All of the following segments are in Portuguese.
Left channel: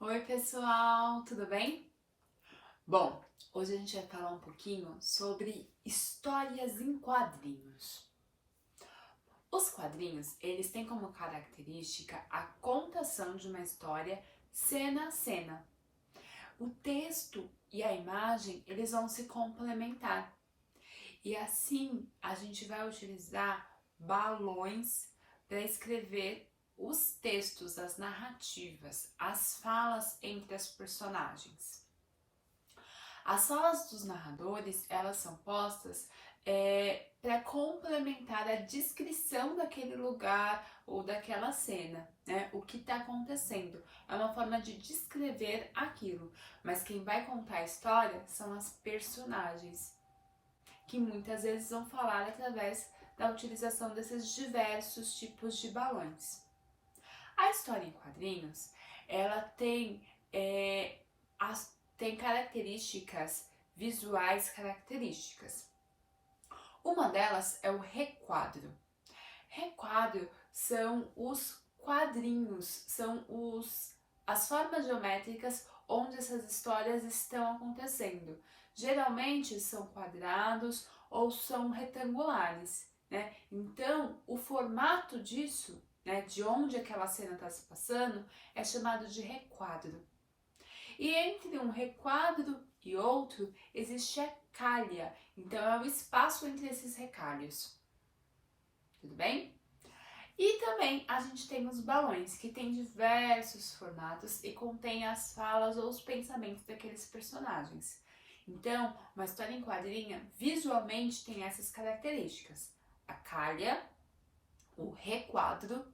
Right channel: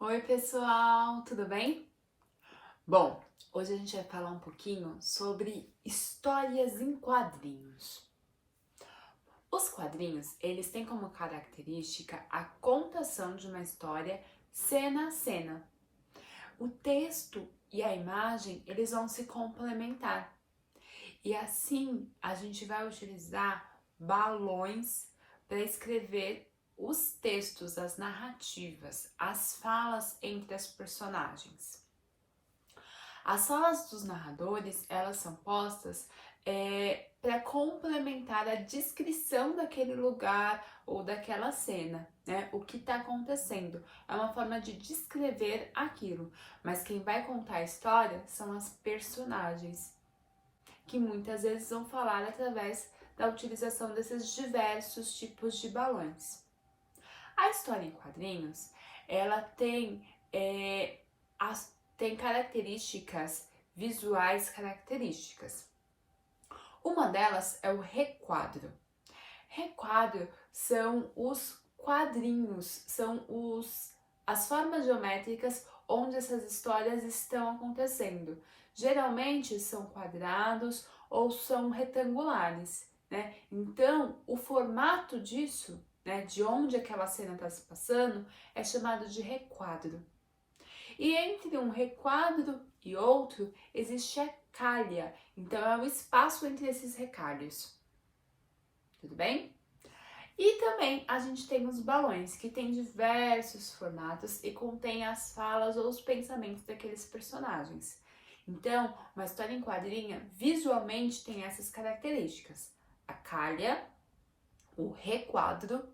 Oi, pessoal, tudo bem? Bom, hoje a gente vai falar um pouquinho sobre histórias em quadrinhos. Os quadrinhos, eles têm como característica a contação de uma história cena a cena. O texto e a imagem, eles vão se complementar. E assim, a gente vai utilizar balões para escrever os textos, as narrativas, as falas entre as personagens. As falas dos narradores, elas são postas para complementar a descrição daquele lugar ou daquela cena, né? O que está acontecendo. É uma forma de descrever aquilo, mas quem vai contar a história são as personagens, que muitas vezes vão falar através da utilização desses diversos tipos de balões. A história em quadrinhos, ela tem características visuais características. Uma delas é o requadro. Requadro são os quadrinhos, são as formas geométricas onde essas histórias estão acontecendo. Geralmente são quadrados ou são retangulares, né? Então, o formato disso, né, de onde aquela cena está se passando, é chamado de requadro. E entre um requadro e outro existe a calha, então é o espaço entre esses retalhos. Tudo bem? E também a gente tem os balões, que tem diversos formatos e contém as falas ou os pensamentos daqueles personagens. Então, uma história em quadrinho visualmente tem essas características: a calha, o requadro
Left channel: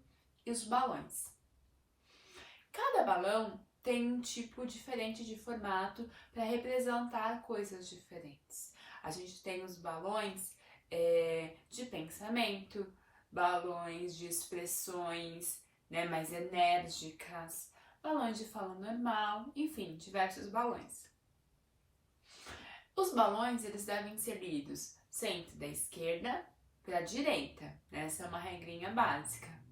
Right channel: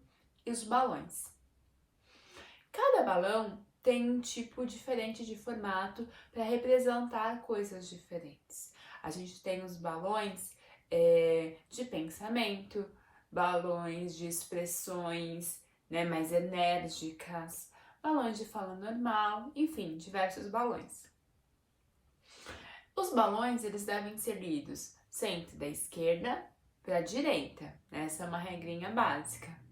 e os balões. Cada balão tem um tipo diferente de formato para representar coisas diferentes. A gente tem os balões de pensamento, balões de expressões, né, mais enérgicas, balões de fala normal, enfim, diversos balões. Os balões, eles devem ser lidos sempre da esquerda para a direita, né? Essa é uma regrinha básica.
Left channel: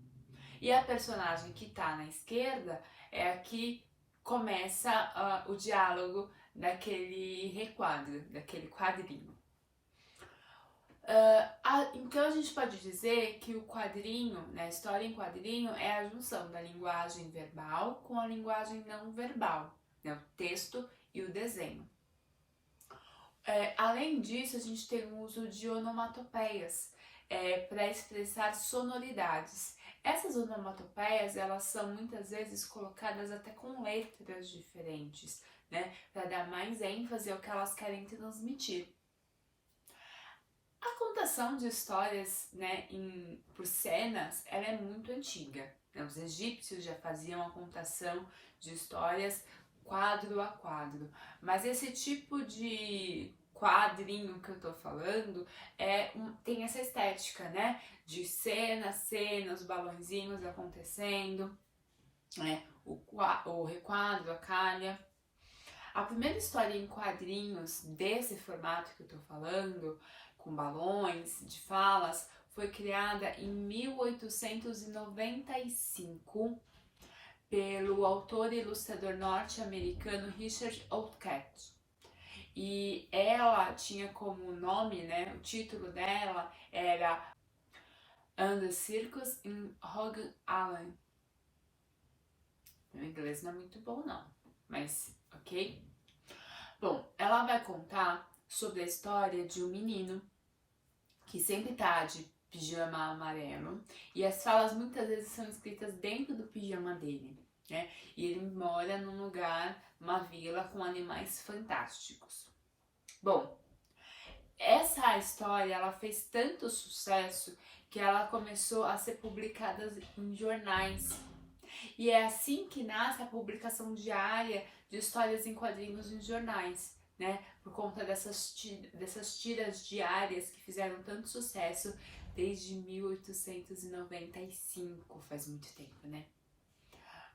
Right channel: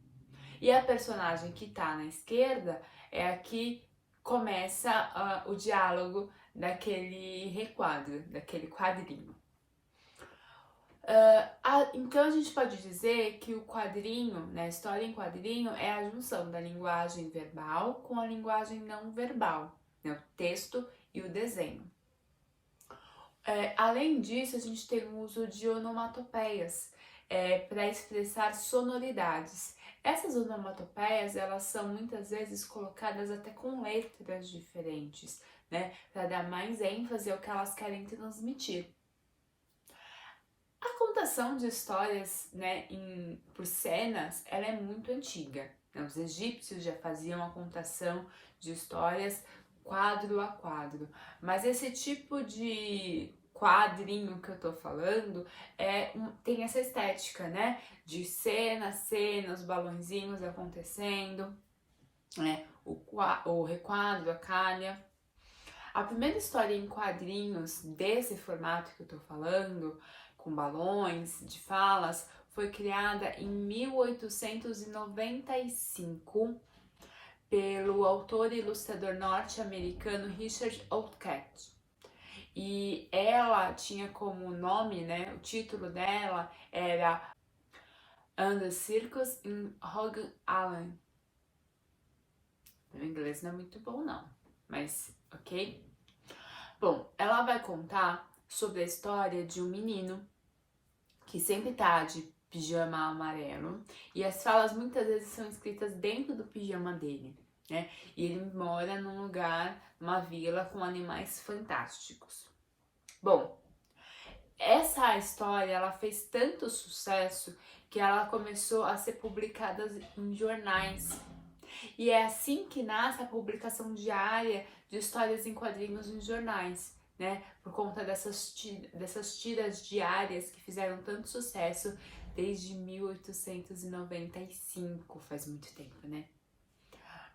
E a personagem que está na esquerda é a que começa o diálogo daquele requadro, daquele quadrinho. Então a gente pode dizer que o quadrinho, né, a história em quadrinho, é a junção da linguagem verbal com a linguagem não verbal, né, o texto e o desenho. Além disso, a gente tem o uso de onomatopeias para expressar sonoridades. Essas onomatopeias, elas são muitas vezes colocadas até com letras diferentes, né, para dar mais ênfase ao que elas querem transmitir. A contação de histórias, né, por cenas, ela é muito antiga. Né? Os egípcios já faziam a contação de histórias quadro a quadro, mas esse tipo de quadrinho que eu tô falando tem essa estética, né, de cena a cena, os balãozinhos acontecendo, né, o requadro, a calha. A primeira história em quadrinhos desse formato que eu tô falando, com balões, de falas, foi criada em 1895 pelo autor e ilustrador norte-americano Richard Outcault. E ela tinha como nome, né, o título dela era And the Circus in Hog Island. Meu inglês não é muito bom não, mas ok? Bom, ela vai contar sobre a história de um menino que sempre tá de pijama amarelo e as falas muitas vezes são escritas dentro do pijama dele, né? E ele mora num lugar, numa vila com animais fantásticos. Bom, essa história ela fez tanto sucesso que ela começou a ser publicada em jornais. E é assim que nasce a publicação diária de histórias em quadrinhos em jornais, né? Por conta dessas tiras diárias que fizeram tanto sucesso desde 1895, faz muito tempo, né?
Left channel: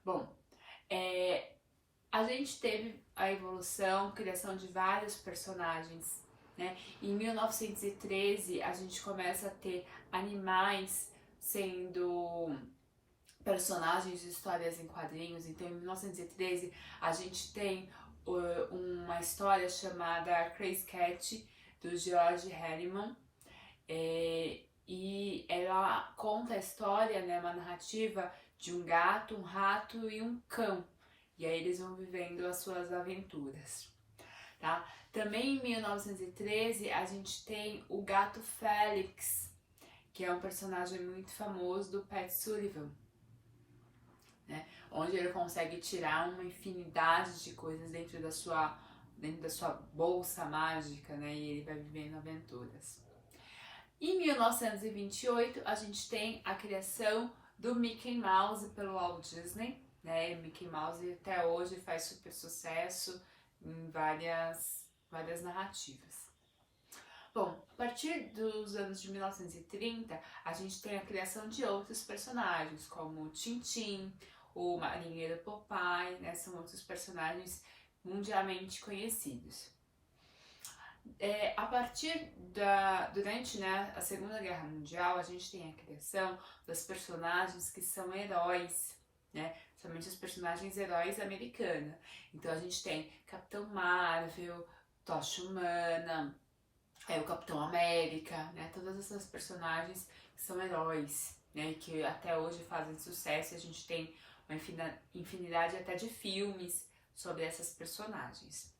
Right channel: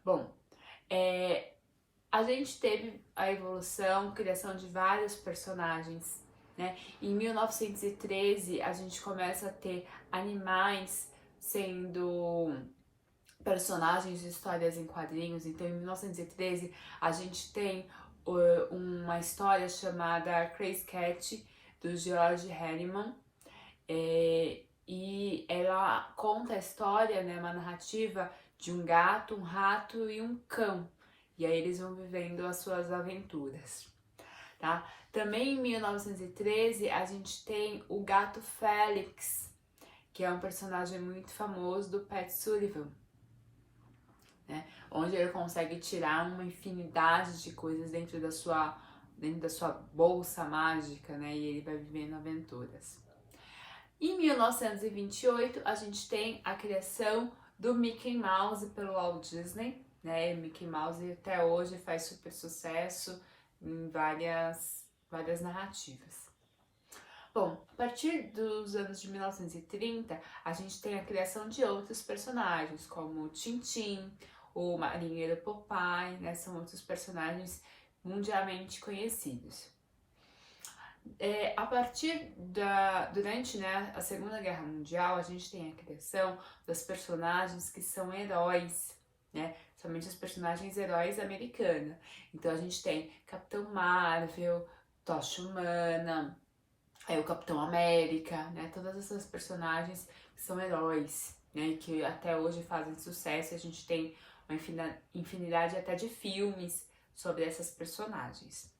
Bom, a gente teve a evolução, criação de vários personagens, né? Em 1913 a gente começa a ter animais sendo personagens de histórias em quadrinhos. Então, em 1913, a gente tem uma história chamada Crazy Cat, do George Herriman, e ela conta a história, né, uma narrativa de um gato, um rato e um cão. E aí eles vão vivendo as suas aventuras, tá? Também em 1913 a gente tem o gato Félix, que é um personagem muito famoso do Pat Sullivan, né? Onde ele consegue tirar uma infinidade de coisas dentro da sua bolsa mágica, né? E ele vai vivendo aventuras. Em 1928, a gente tem a criação do Mickey Mouse pelo Walt Disney, né? O Mickey Mouse até hoje faz super sucesso em várias narrativas. Bom, a partir dos anos de 1930, a gente tem a criação de outros personagens, como o Tintin, o Marinheiro Popeye, né? São outros personagens mundialmente conhecidos. A partir durante, né, a Segunda Guerra Mundial, a gente tem a criação dos personagens que são heróis, né, somente os personagens heróis americanos. Então a gente tem Capitão Marvel, Tocha Humana, o Capitão América, né, todas essas personagens que são heróis, né, que até hoje fazem sucesso. A gente tem uma infinidade até de filmes sobre essas personagens.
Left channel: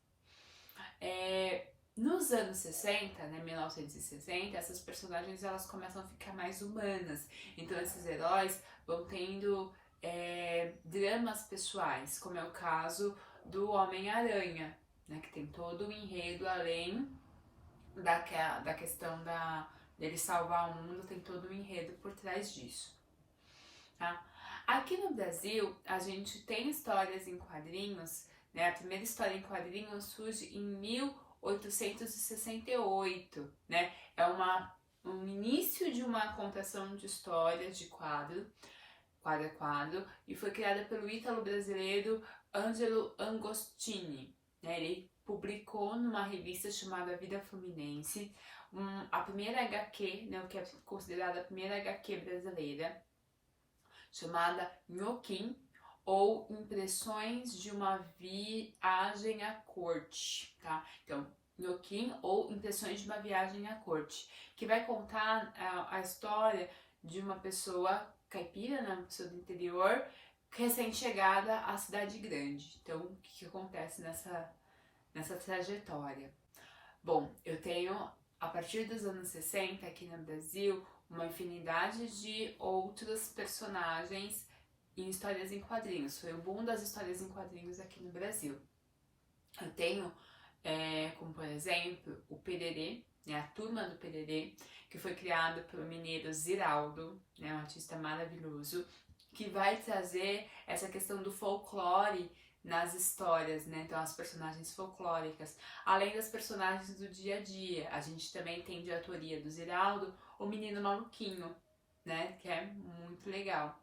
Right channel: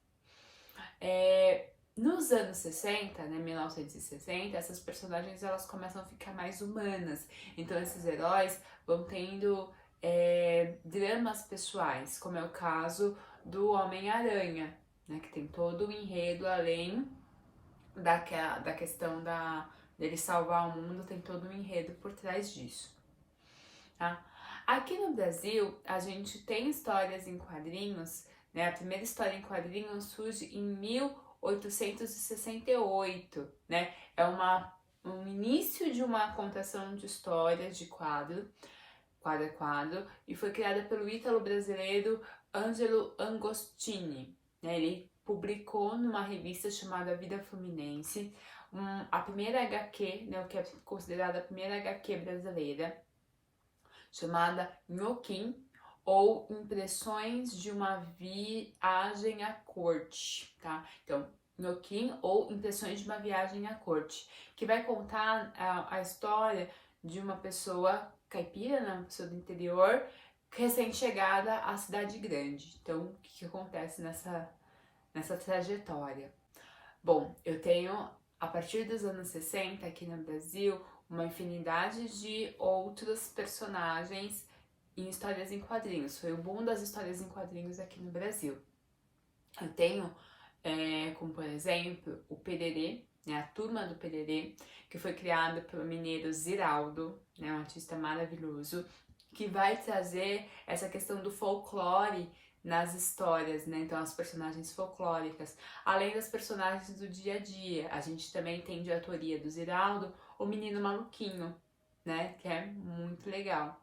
Nos anos 60, né, 1960, essas personagens elas começam a ficar mais humanas. Então esses heróis vão tendo dramas pessoais, como é o caso do Homem-Aranha, né, que tem todo o enredo além da questão dele salvar o mundo, tem todo um enredo por trás disso, tá? Aqui no Brasil, a gente tem histórias em quadrinhos, né? A primeira história em quadrinhos surge em 1868, né? É um início de uma contação de histórias de quadro a quadro, e foi criada pelo ítalo-brasileiro Ângelo Agostini, né? Ele publicou numa revista chamada Vida Fluminense a primeira HQ, né, o que é considerada a primeira HQ brasileira, chamada Nhoquim, ou Impressões de uma Viagem à Corte, tá? Então, Nhoquim ou Impressões de uma Viagem à Corte, que vai contar a história de uma pessoa caipira, né, uma pessoa do interior, recém-chegada à cidade grande. Então, o que acontece nessa trajetória? Bom, eu tenho, a partir dos anos 60, aqui no Brasil, uma infinidade de outros personagens em histórias em quadrinhos. Foi o boom das histórias em quadrinhos aqui no Brasil. Eu tenho, como por exemplo, o Pererê, né, a Turma do Pererê, que foi criada pelo mineiro Ziraldo, né, um artista maravilhoso, que vai trazer essa questão do folclore nas histórias, né? Então as personagens folclóricas, além das personagens do dia a dia. A gente também tem de autoria do Ziraldo o Menino Maluquinho, né? Que é muito legal.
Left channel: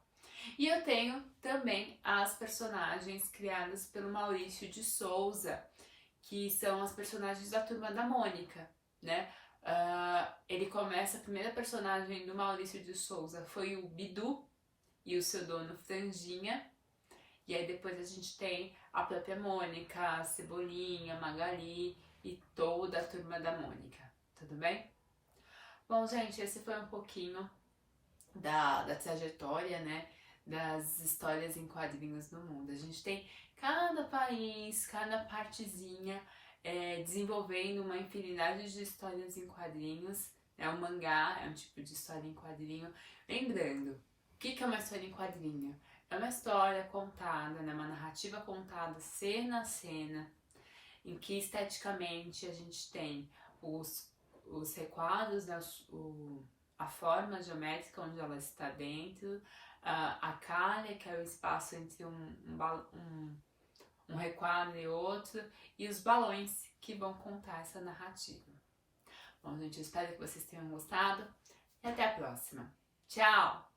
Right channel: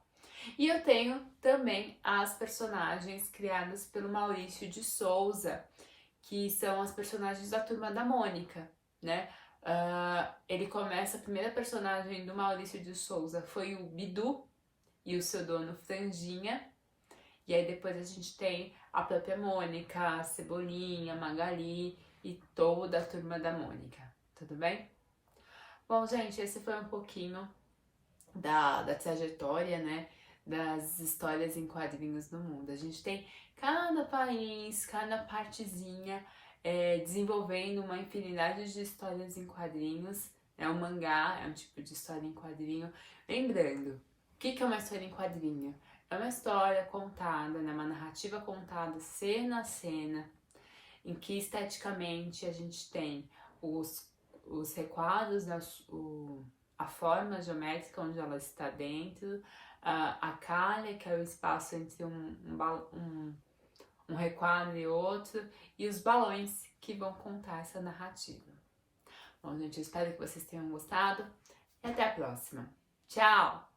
E eu tenho também as personagens criadas pelo Maurício de Souza, que são as personagens da Turma da Mônica, né? Ele começa, a primeira personagem do Maurício de Souza foi o Bidu e o seu dono Franjinha. E aí depois a gente tem a própria Mônica, a Cebolinha, a Magali e toda a Turma da Mônica, tudo bem? Bom, gente, esse foi um pouquinho da trajetória, né, das histórias em quadrinhos no mundo. A gente tem cada país, cada partezinha desenvolvendo uma infinidade de histórias em quadrinhos. O mangá é um tipo de história em quadrinho. Lembrando, o que é uma história em quadrinho? É uma história contada, né, uma narrativa contada cena a cena, em que esteticamente a gente tem os requadros, a forma geométrica onde ela está dentro, a calha, que é o espaço entre um requadro e outro, e os balões que vão contar essa narrativa. Bom, gente, eu espero que vocês tenham gostado e até a próxima. Tchau!